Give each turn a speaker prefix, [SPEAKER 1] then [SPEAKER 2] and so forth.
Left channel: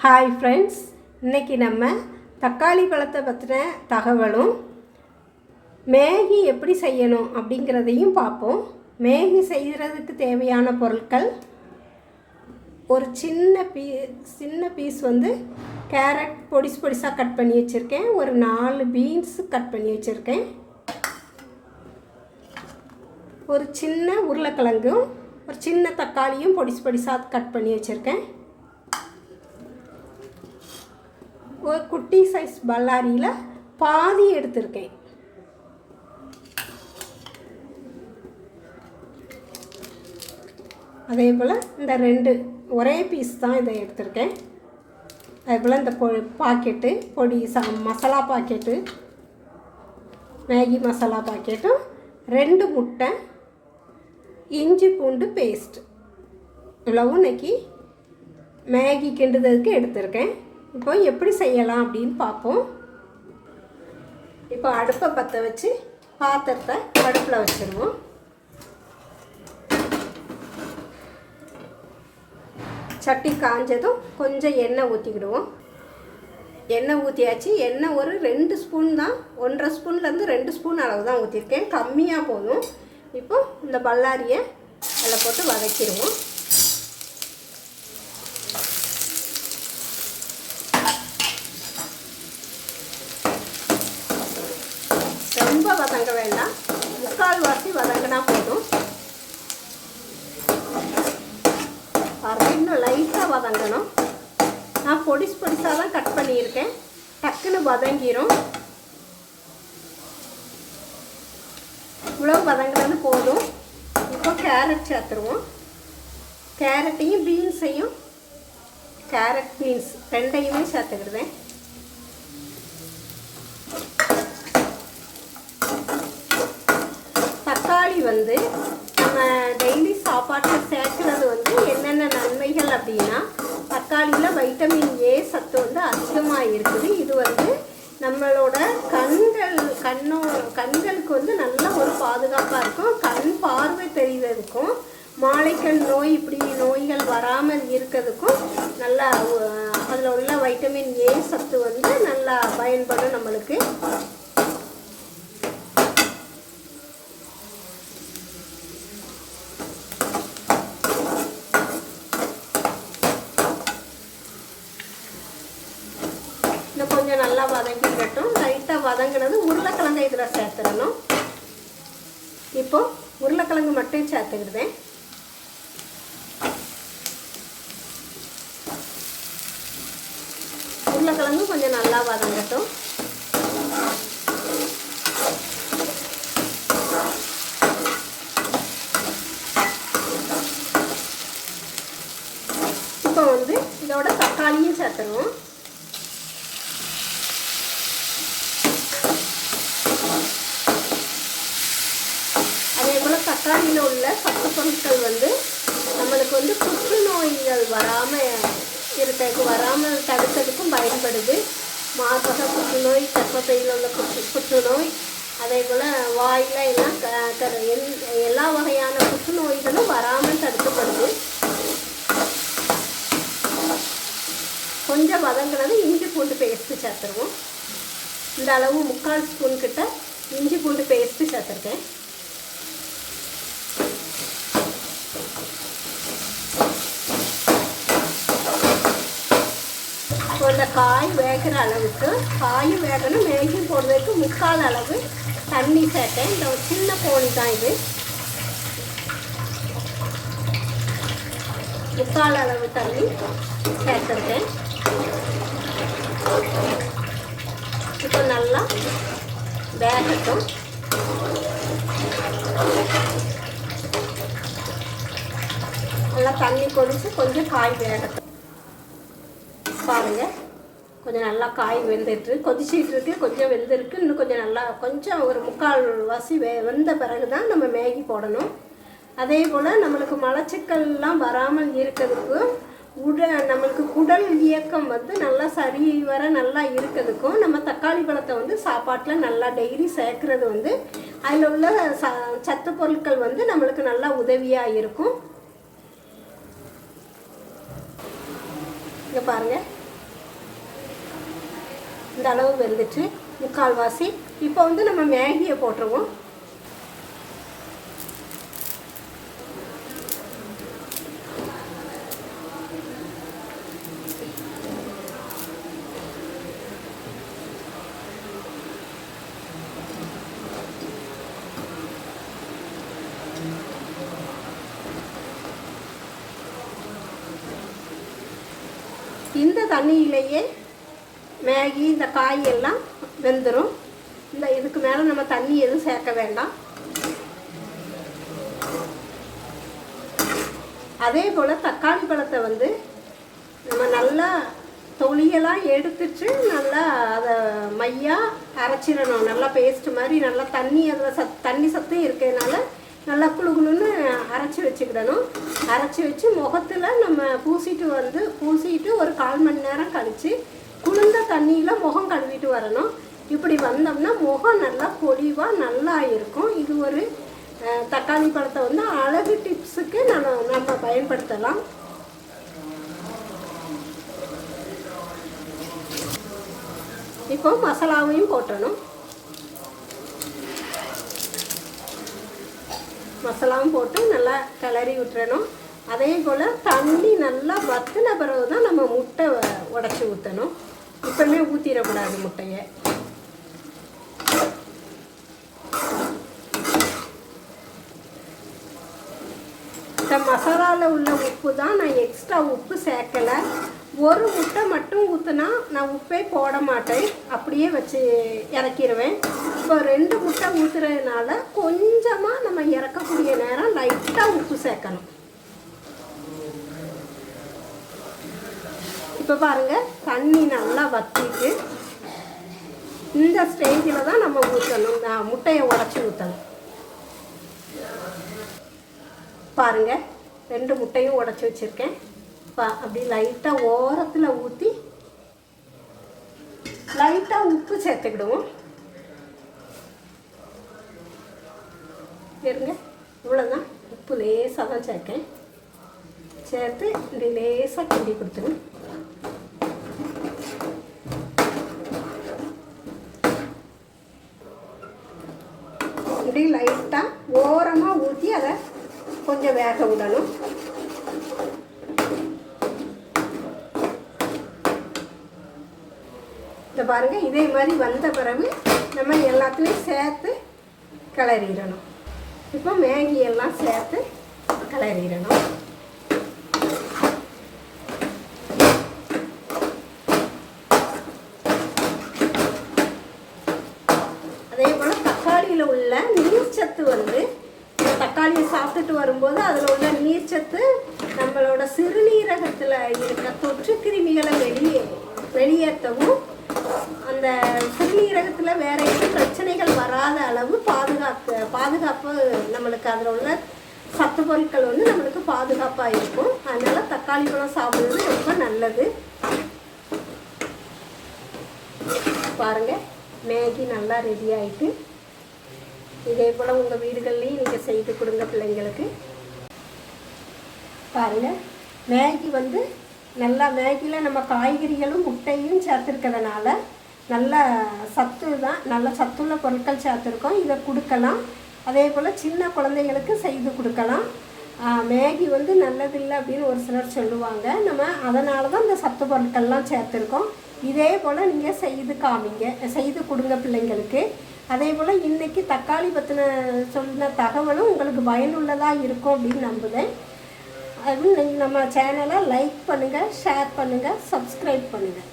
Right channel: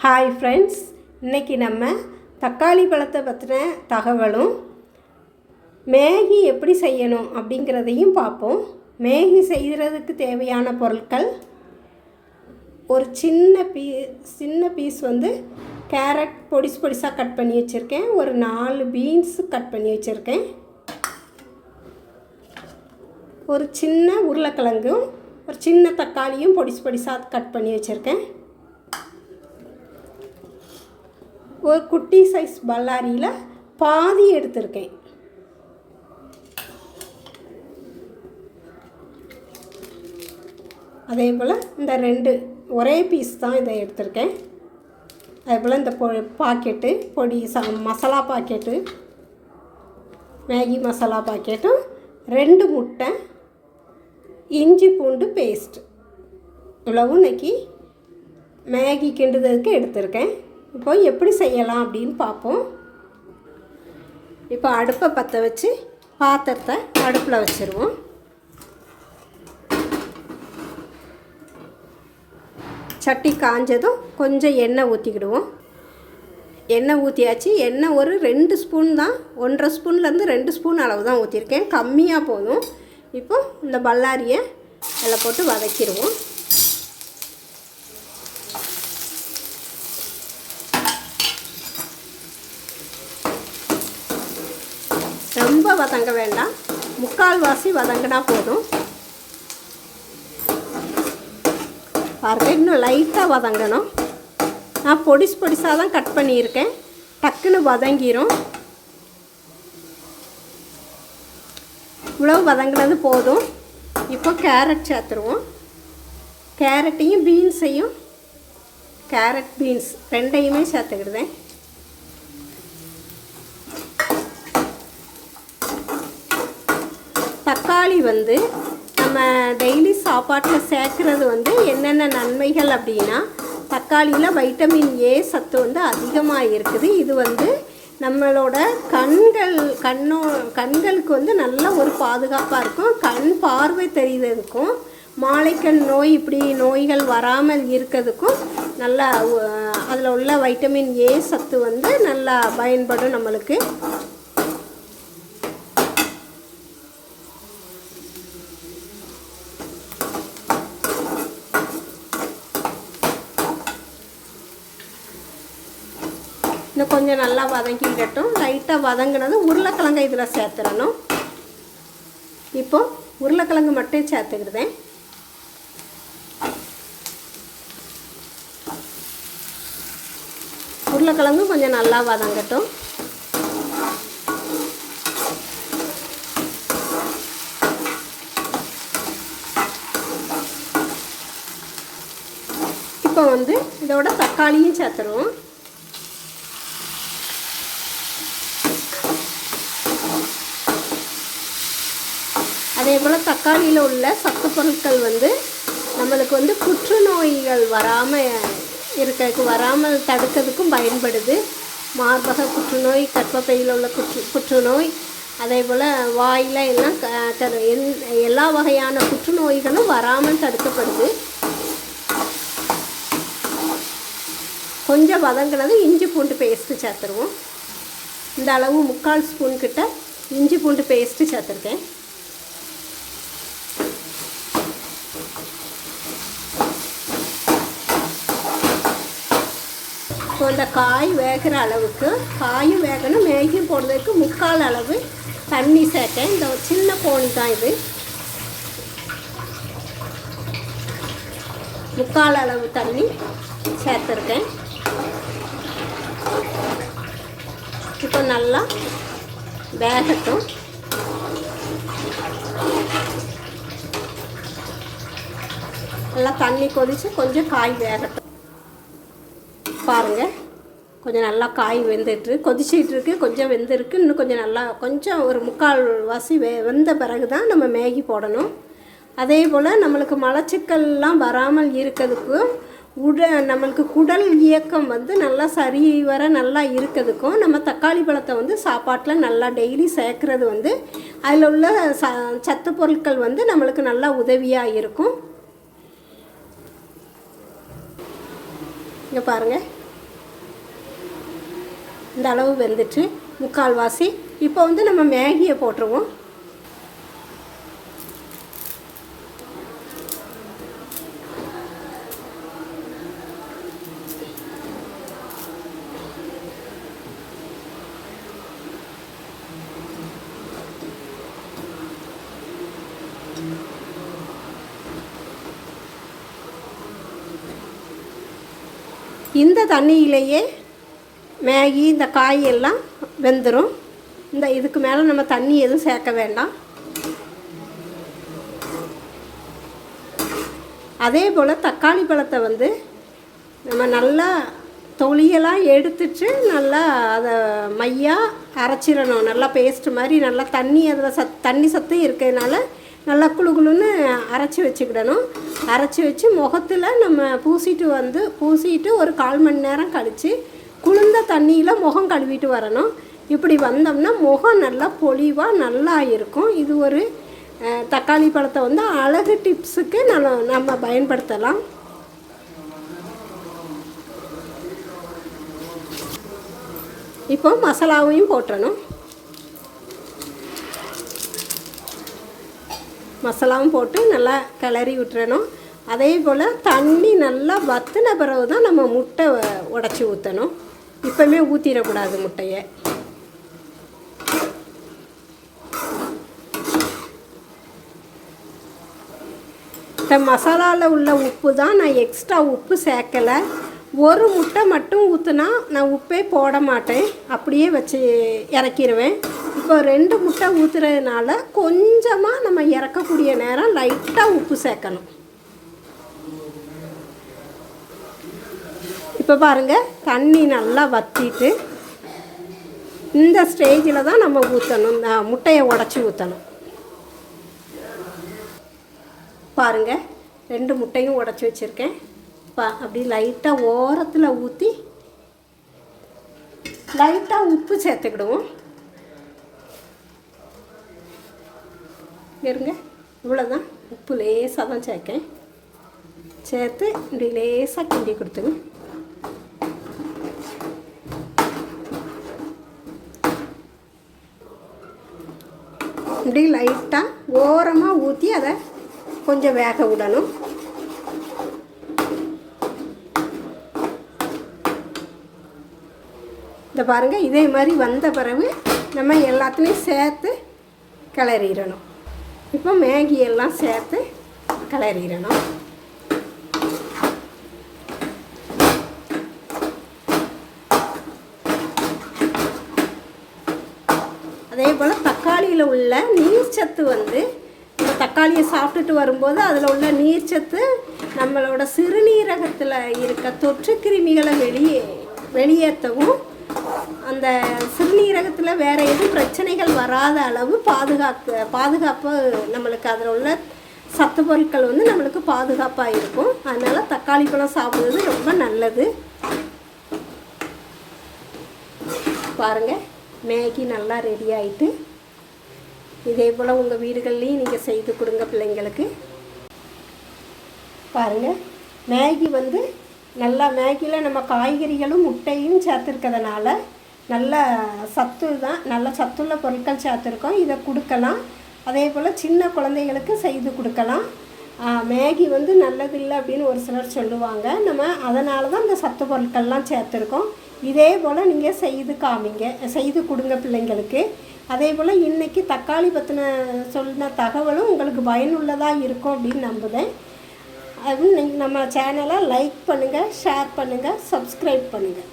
[SPEAKER 1] Hi friends இன்றைக்கி நம்ம தக்காளி பழத்தை பற்றின தகவலும் மேகி எப்படி செய்யணும் அப்படிங்கிறதையும் பார்ப்போம். மேகி செய்கிறதுக்கு தேவையான பொருட்கள் ஒரு சின்ன பீ சின்ன பீஸ் வந்து கேரட் பொடிசு பொடிசாக கட் பண்ணி வச்சுருக்கேன். ஒரு நாலு பீன்ஸ் கட் பண்ணி வச்சுருக்கேன். ஒரு சின்ன உருளைக்கிழங்கும் ஒரு சின்ன தக்காளியும் பொடிசு பொடிசாக கட் பண்ணி வச்சுருக்கேன். ஒரு குட்டி சைஸ் பல்லாரியில் பாதி எடுத்திருக்கேன். அதே போல் இந்த ரெண்டு ஒரே பீஸ் தான் இதை எடுத்திருக்கேன். அதே போல் இந்த பொ பாக்கெட்டு பொடி சா மசாலா பாக்கெட்டு மேகி மசாலா பாக்கெட்டும் ரெண்டு முட்டை இஞ்சி பூண்டு பேஸ்ட் இவ்வளவும் இன்னைக்கு மேகி கிண்டுதலுக்கு எடுத்திருக்கேன். இப்போ எப்படி செய்யலாம் அப்படின்னு பார்ப்போம். இப்போ அடுப்பை பற்ற வச்சு பாத்திரத்தை அடுப்பில் வச்சுருவோம். சட்டி காஞ்சதும் கொஞ்சம் எண்ணெய் ஊற்றிக்கிடுவோம் எண்ணெய் ஊற்றியாச்சு எண்ணெய் ஒரு ரெண்டு ஸ்பூன் தான். ஒன்றரை ஸ்பூன்லேருந்து ரெண்டு ஸ்பூன் அளவு தான் ஊற்றிருக்கேன் கம்மியாக போகும் இப்போ இந்த பல்லாரியை அதில் போட்டு வதக்கிடுவோம் ரொம்ப வதங்க வேண்டாம். முக்கால் வாசி வதங்கினா போதும். பாருங்க இன்னும் லைட்டாக வதங்கணும். நான் பொடிசு பொடிசாக தான் கட் பண்ணியிருக்கேன். டக்குன்னு வதங்கிரும். இவ்வளவு வதங்கினது போதும். இப்போ கேரட் சேர்த்துருவோம். கேரட்டையும் பீன்ஸையும் கேரட் பீன்ஸ் ரெண்டையுமே சேர்த்துக்கிடுவேன் தக்காளி வந்து நம்ம டெய்லி சாப்பாட்டில் சேர்க்குறது வந்து என்னென்ன நன்மைகள் அப்படின்னா தக்காளியில் வைட்டமின் ஏ சத்து வந்து அதிகமாக இருக்குது. இது வந்து நம்மளோட கண்கள் கண்ணோ கண்களுக்கு வந்து நல்ல ஒரு பாதுகாப்பாக இருக்கும். கண் பார்வை தெரிகிறதுக்கும் மாலைக்கண் நோய் இப்படி நோய்கள் வராமல் இருக்கிறதுக்கும் நல்லா அதில் உள்ள வைட்டமின் ஏ சத்து வந்து நல்லா பயன்படும் நம்மளுக்கு இன்னும் கொஞ்சம் நல்லா வதங்கட்டும் லைட்டாக வதங்கினதும் உருளைக்கிழங்கு இதில் சேர்த்துடணும். இப்போ உருளைக்கிழங்கு மட்டும் சேர்த்துக்கிடுதேன். உருளைக்கிழங்கு கொஞ்சம் நல்லா வதங்கட்டும். இப்போ வந்து இதோட தக்காளியும் சேர்த்துருவோம் அதே போல் தக்காளியில் உள்ள சத்து பொருட்கள் வந்து நம்மளுக்கு வந்து புற்றுநோய்கள் வராமல் இருக்கிறதுக்கு வராமல் தடுக்கிறதுக்கும் பயன்படுது. மார்பக புற்றுநோய் கர்ப்பப்பையில் உள்ள புற்று புற்றுநோய் அதே போல் வாயில் எல்லாம் த- எல்லா வகையான புற்றுநோய்களும் வராமல் தடுக்கப்படுது. கொஞ்சம் வதங்கினது இஞ்சி பூண்டு பேஸ்ட்டு சேர்த்துருவோம். இந்த அளவு முக்கால் ஸ்பூன் கிட்ட இஞ்சி பூண்டு பேஸ்ட்டு சேர்த்துருக்கேன். காய் வேகிற அளவுக்கு காயும் வேகணும் மேகியும் போடுறதுக்கு முக்கால் அளவு தண்ணி சேர்த்தேன். இந்த ஒரு சின்ன கோழி தான் இது. முக்கால் அளவு தண்ணி சேர்த்துருக்கேன். இப்போ நல்லா வேகட்டும். நல்லா தண்ணி கொதித்து கொஞ்சம் காய் வேகட்டும். கொஞ்சம் நல்லா காய் வெந்துட்டு கொதிச்சிட்டு இருக்கு கொஞ்சம் வெந்திருக்கு இன்னும் கொஞ்சம் நல்லா கொஞ்சம் ஒரு முக்கால் வாசி வெ வெந்த பிறகு தான் நம்ம மேகி போடணும். அதே போல் நம்மளுக்கு மலச்சிக்கல்லாம் வராமல் இருக்கிறதுக்கு உட நம்மளுக்கு குடல் இயக்கம் வந்து நல்லா சரி வர நல்லா இருக்கிறதுக்கும் நம்ம தக்காளி பழத்தை வந்து சாப்பாட்டில் நல்லா டெய்லி சேர்க்குறது வந்து அதில் உள்ள ச சத்து பொருட்கள் வந்து நம்மளுக்கு நல்லா உதவியாக இருக்கும். இங்கே பாருங்கள் இந்த அளவு வெந்துட்டு முக்கால்வாசி இப்போ வந்து நம்ம மேகியை போட்டுருவோம். இந்த தண்ணியிலேயே மேகி இந்த காய் எல்லாம் வெந்துடும் இந்த இதுக்கு மேலே நம்ம தண்ணி எதுவும் சேர்க்க வேண்டாம். அதே போல் தக்காளி பழத்தை வந்து நம்ம நல்லா தொலியெல்லாம் எடுத்துட்டு நல்லா அதை மையாக அரைச்சிடணும். நல்லா பேஸ்ட் மாதிரி நல்லா தண்ணி அதில் சத் தண்ணி சத்தம் இருக்கிறதுனால நல்லா குளு குளுன்னு அரைச்சி வச்சுக்கிடணும். அரைச்சி வச்சு முகத்தில் நம்ம பூசிட்டு வந்து பூசிட்டு ஒரு கால் மணி நேரம் கழித்து குளிர்ந்த தண்ணியில் முகம் கழுவிட்டு வரணும். இப்படி வந்தோம்னா முகம் நல்லா பொலிவாக நல்லா இருக்கும். இது ஒரு தக்காளி பழத்தை வந்து அழகு டிப்ஸுக்கு நம்ம நம்ம பயன்படுத்தலாம். இப்போ மசாலாவையும் போட்டணும். மசாலாவும் போட்டு நல்லா கிளறி விட்டுறணும். அதே போல் தண்ணி நல்லா வத்தின பிறகு தான் நம்ம முட்டை உடச்சி ஊற்றணும் இப்போமே ஊற்றிடக்கூடாது முட்டையை. இந்த மசாலாவில் உள்ள உப்பு தான் நான் எக்ஸ்ட்ரா உப்பு சேர்க்கலை. ஒரு முட்டை மட்டும் ஊற்றுனா நான் உப்பே போட மாட்டேன். அப்படியே வச்சு இறக்கிடுவேன் இப்போ ரெண்டு முட்டை ஊற்றுறதுனால கொஞ்சமாக நம்ம இறக்கக்கூடிய நேரம் லைட்டாக உப்பு சேர்க்கணும். இப்போ பாருங்கள் தண்ணி நல்லா வற்றிட்டு இந்த ஸ்டேஜில் தான் நம்ம ஊற்றணும் இந்த முட்டையை உடச்சி ஊற்றணும் பாருங்கள் ரெண்டு முட்டையும் உடச்சி வச்சுருக்கேன். பா அப்படி லைட்டாக ஓரத்தில் ஊற்றி லைட்டாக உப்பு சேர்த்துக்கிடுவோம். இருங்க இவ்வளோதான் உப்பு லேசாக தான் சேர்க்கேன். சேர்த்து இப்படி லேசாக கிண்டி கொடுத்துருங்க. இப்படி லைட்டாக ஓரமாக ஊற்றி அதை கொஞ்சம் வேக விடணும். இந்த பாருங்கள் இதே மாதிரி வந்த பிறகு நம்ம எல்லாத்துலேயும் சேர்த்து கிளறிடணும். இப்போ மேகி எல்லாம் சேர்த்து கிளறிடணும் அதே போல் தக்காளியில் உள்ள நீர்ச்சத்து வந்து தக்காளியை சாப்பிட்டுட்டு வரும்போது அதில் உள்ள நீர்ச்சத்து நம்மளோட சிறுநீரகத்தில் இருக்க தொற்று கிருமிகளை வெளியே வெளியேற்றவும் அந்த சிறுநீரகத்தில் வேற எதுவும் பிரச்சனைகள் வராத அளவு பாதுகாக்க பாதுகாப்பு நம்மளுக்கு அதில் உள்ள சத்து பொருட்கள் வந்து நம்மளுக்கு பாதுகாப்பாக இருக்கும். அதனால் தக்காளி பழம் சாப்பிட்றது ரொம்ப நல்லது. பாருங்க மேகி நல்லா ரெடி ஆயிட்டு இதே போல் உங்கள் வீடுகள்லேயும் நீங்கள் செய்து கொடுங்க பிள்ளைங்களுக்கு. பாருங்கள் மேகி வந்து நல்லா மேகியில் நம்ம காய்கறிகளும் முட்டையும் சேர்த்துருக்கிறதுனால நல்ல சத்து தான் நல்ல சத்துள்ள பொருட்கள் சேர்த்துருக்கோம். இதை கொடுக்கலாம். அதே போல் சின்ன குழந்தைங்களுக்கு செய்து கொடுக்கலாம். மேகி வந்து நல்லதில்லை அப்படின்னு ஒரு சிலர் சொல்லுவாங்க. நம்ம அதனால தான் இந்த சத்து பொருட்கள்லாம் சேர்த்துருக்கோம். இதே போல் நீங்கள் செய்து காமிங்க செய்து கொடுங்க பிள்ளைங்களுக்கு. அதே போல் இன்றைக்கி தக்காளி பற்றின சொன்ன தகவலும் உங்களுக்கு பயனுள்ளதாக இருக்கும் அப்படின்னு நம்புகிறேன் அதுவும் நீங்கள் நம்ம சேனலை லைக் பண்ணுங்கள் ஷேர் பண்ணுங்கள் சப்ஸ்கிரைப் பண்ணுங்கள்